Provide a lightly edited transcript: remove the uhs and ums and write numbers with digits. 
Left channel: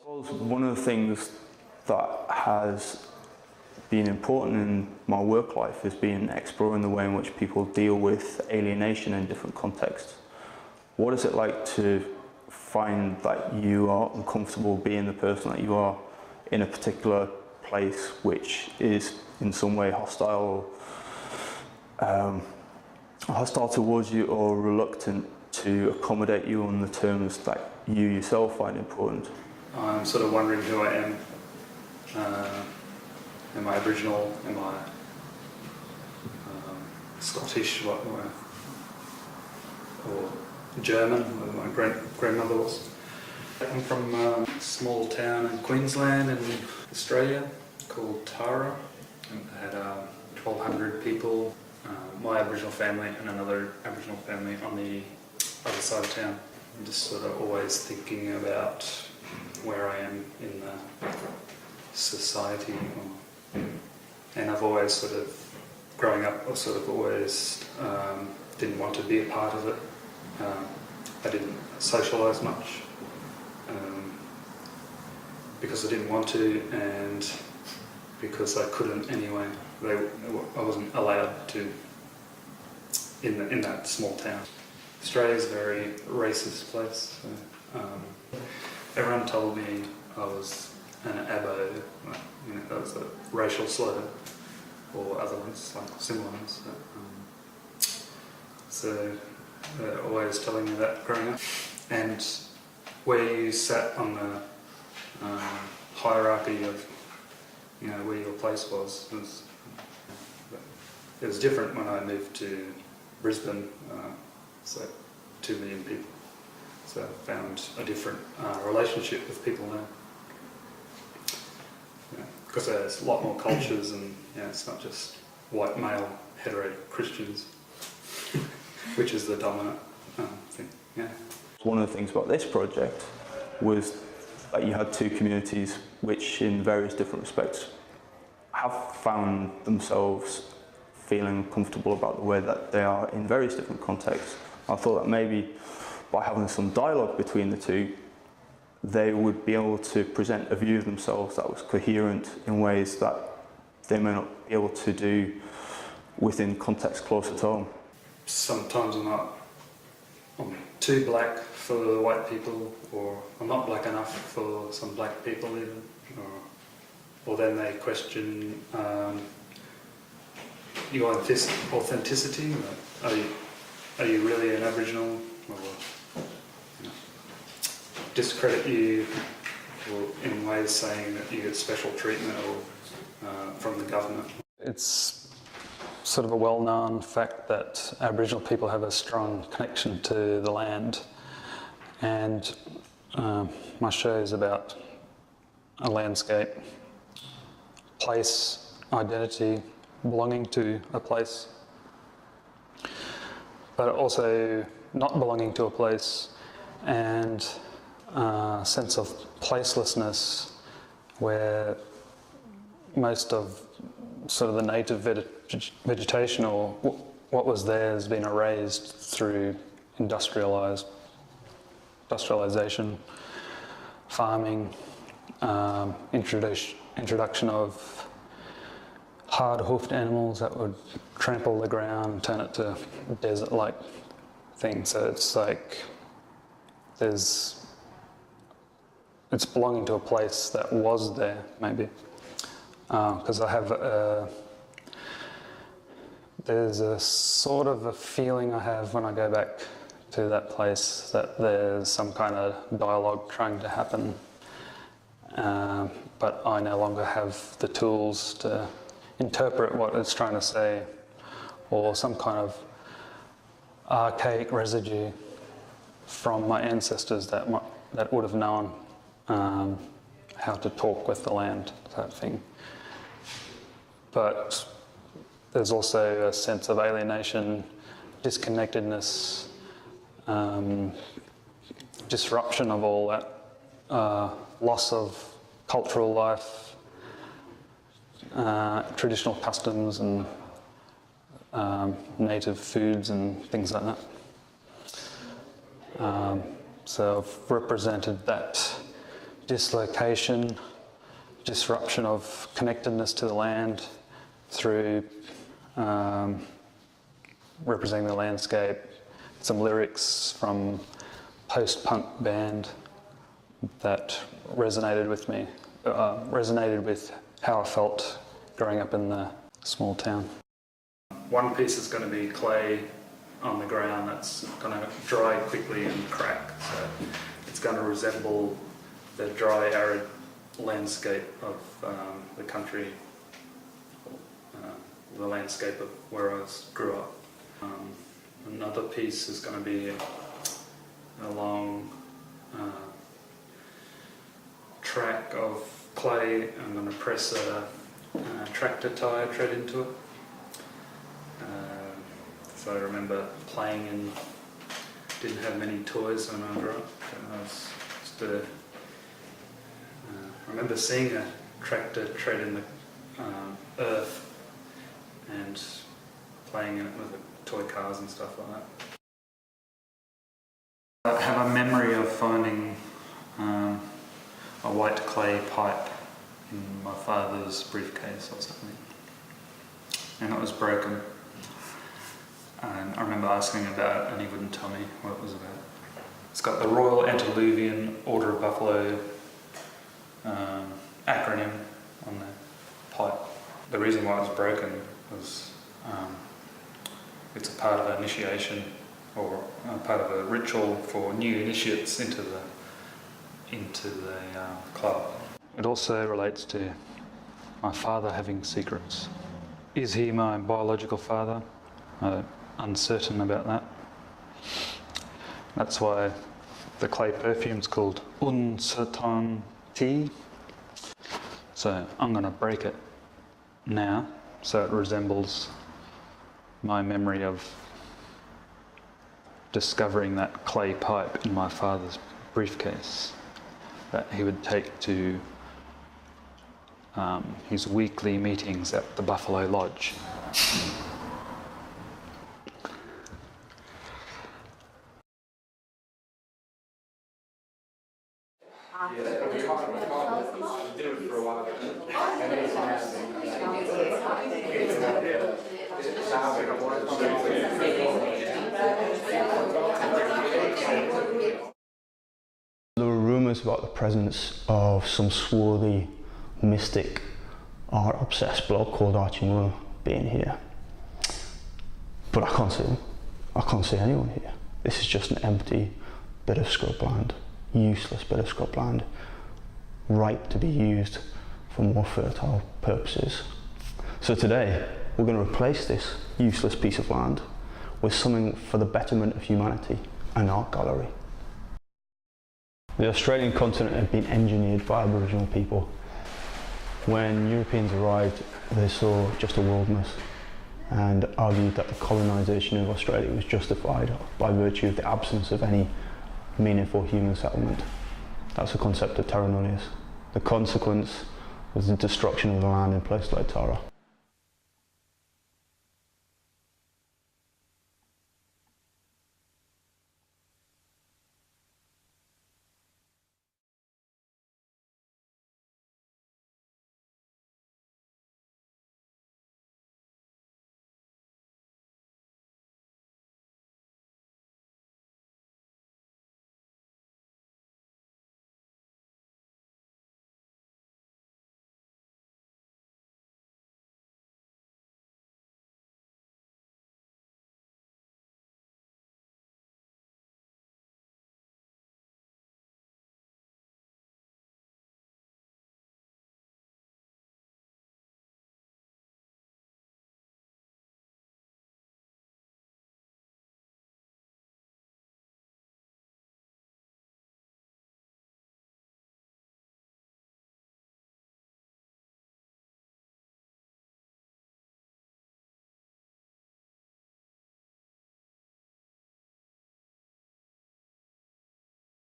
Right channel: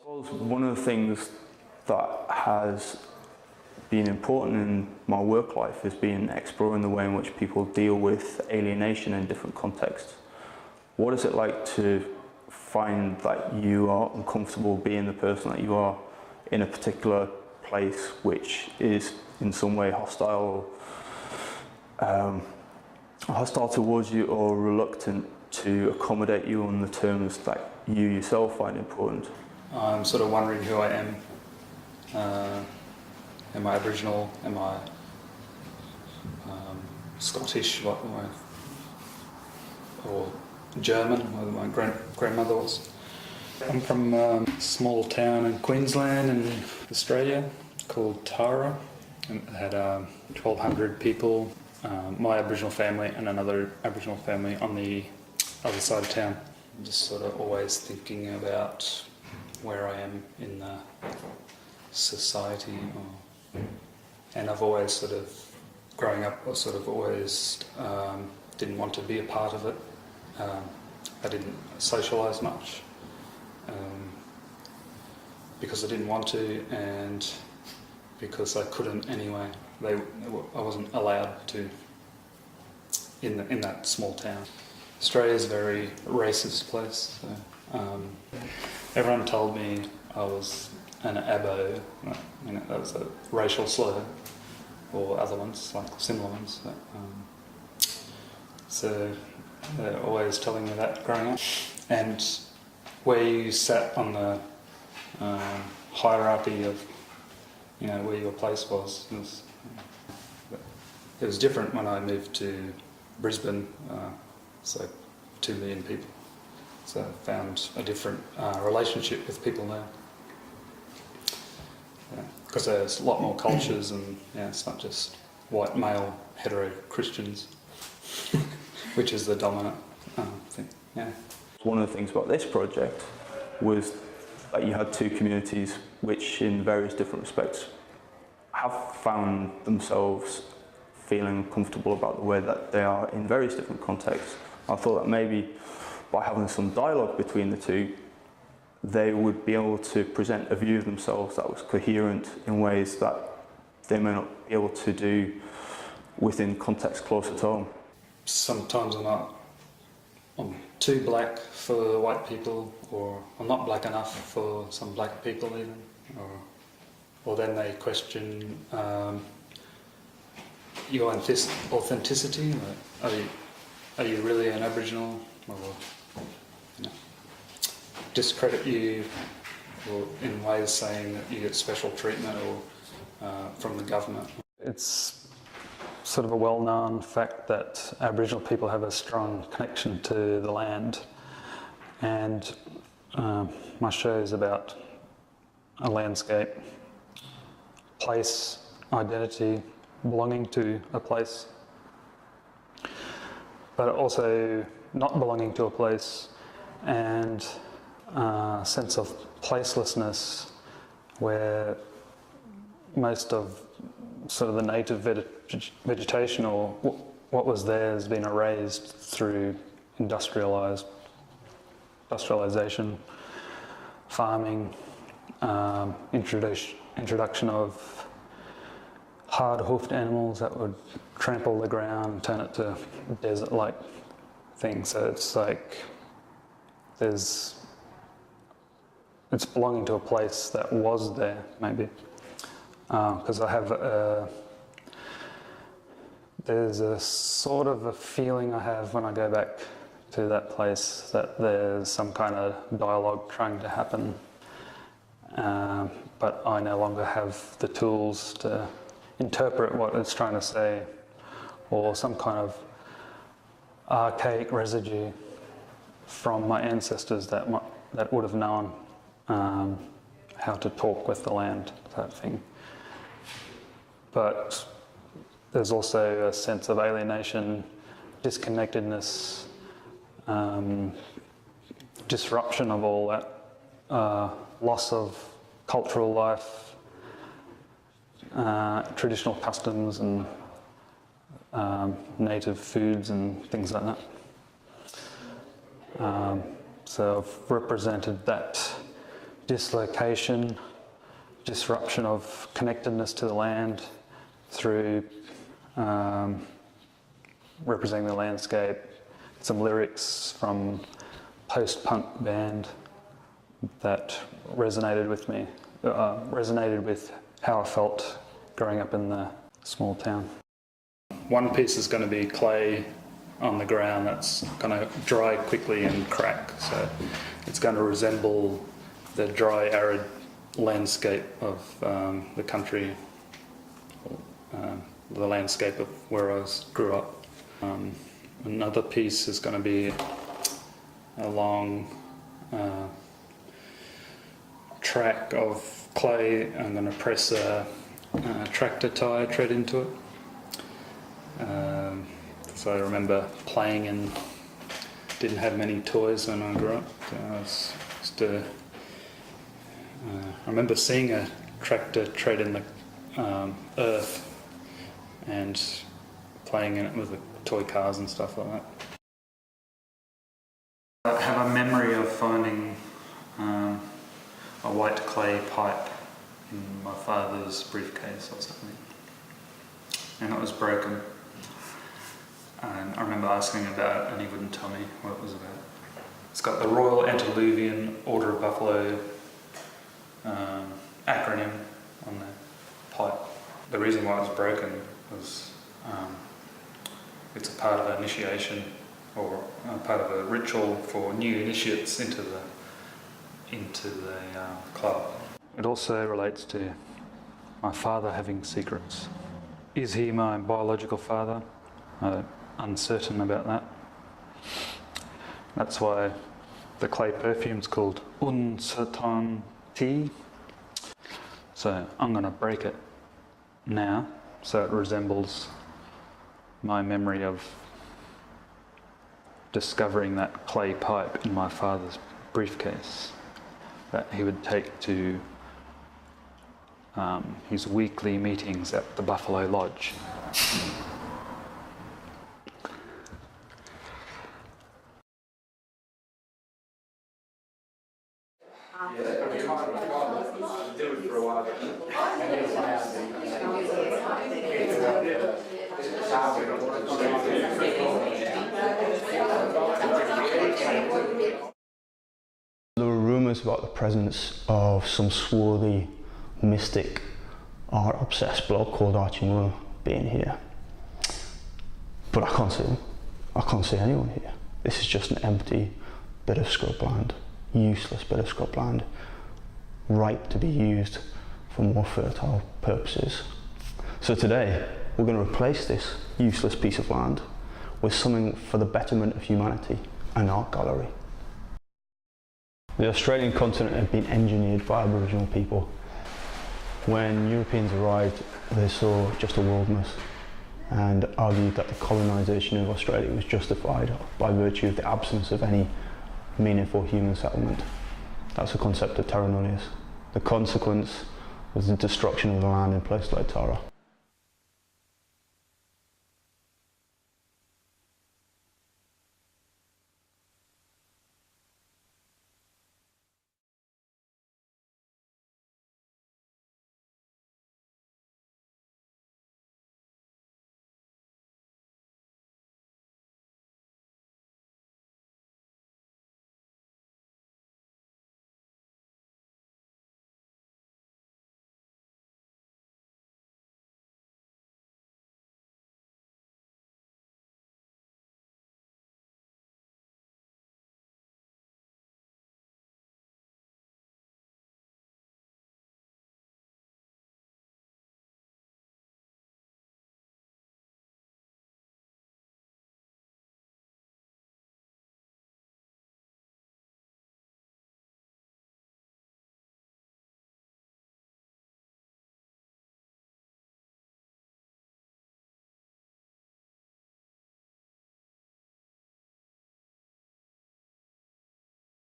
suppose one of the things that has been important in my work life has been exploring the way in which people deal with alienation in different contexts. What is it like to find that you are uncomfortable being the person that you are in a particular place which is in some way hostile towards you, or reluctant to accommodate you on the terms that you yourself find important? I'm sort of wondering who I am. Am I Aboriginal? Am I Scottish? Or German? Where my grandmother was. I'm from a small town in Queensland in Australia called Tara. It had 1,200 people. My Aboriginal family and another Aboriginal family on the other side of town. I'm just sort of always thinking about where I am in the society, and I've always sort of, growing up, I sort of always didn't want to be a part of it. I didn't socialise much because I didn't want to, and because I couldn't anyway. I wasn't allowed to in that small town. Australia's a very racist place. So, everyone told me I was an abo, that was a racial slur, or other ones, like similar ones. So they're always telling me that growing up. And where you sat on the hierarchy of, where your place was it was different when I moved to Brisbane. It's like 2 million people. So I found a different relationship with people there. Because there's a lot more cultures, and it's not just white male hetero Christians, which is the dominant thing. Yeah. One of the things about this project was that you had two communities which in various different respects have found themselves feeling comfortable about the way that they are in various different contexts. I thought that maybe by having some dialogue between the two, they would be able to present a view of themselves that was coherent in ways that they may not be able to do within contexts closer to home. Sometimes I'm too black for white people, or I'm not black enough for some black people even, or then they question your authenticity. Are you really an Aboriginal? Or discredit you in ways saying that you get special treatment or from the government. It's sort of a well-known fact that Aboriginal people have a strong connection to the land, and my show is about a landscape, place, identity, belonging to a place, but also not belonging to a place, and a sense of placelessness where most of sort of the native vegetation or what was there has been erased through industrialization, farming, introduction of hard-hoofed animals that would trample the ground and turn it to a desert-like thing. So it's like it's belonging to a place that was there, maybe. Because I have there's a sort of a feeling I have when I go back to that place that there's some kind of dialogue trying to happen, but I no longer have the tools to interpret what it's trying to say, or some kind of archaic residue from my ancestors that would have known how to talk with the land, that thing. But there's also a sense of alienation, disconnectedness, disruption of all that, loss of cultural life, traditional customs and native foods and things like that. So I've represented that dislocation, disruption of connectedness to the land through representing the landscape. Some lyrics from post-punk band that resonated with me, resonated with how I felt growing up in the small town. One piece is going to be clay on the ground that's going to dry quickly and crack, so it's going to resemble the dry, arid landscape of the country, the landscape of where I grew up. Another piece is going to be a long track of clay. I'm going to press a tractor tyre tread into it. So I remember playing and didn't have many toys when I grew up. I was just I remember seeing a tractor tread in the earth and playing in it with the toy cars and stuff like that. I have a memory of finding a white clay pipe in my father's briefcase or something, and it was broken. And I remember asking about it and he wouldn't tell me what it was about. It's got the Royal Antediluvian Order of Buffalo acronym on the pipe. The reason why it was broken was it's a part of an initiation or a part of a ritual for new initiates into the club. It also relates to my father having secrets. Is he my biological father? I'm uncertain about that. That's why the clay perfume's called Uncertainty. So I'm going to break it now so it resembles my memory of discovering that clay pipe in my father's briefcase that he would take to his weekly meetings at the Buffalo Lodge. There were rumours about the presence of some swarthy, mystic, art-obsessed bloke called Archie Moore being here. But I can't see him. I can't see anyone here. This is just an empty bit of scrubland, useless bit of scrubland, ripe to be used for more fertile purposes. So today, we're going to replace this useless piece of land with something for the betterment of humanity, an art gallery. The Australian continent had been engineered by Aboriginal people. When Europeans arrived, they saw just a wilderness and argued that the colonisation of Australia was justified by virtue of the absence of any meaningful human settlement. That's the concept of terra nullius. The consequence was the destruction of the land in places like Tara.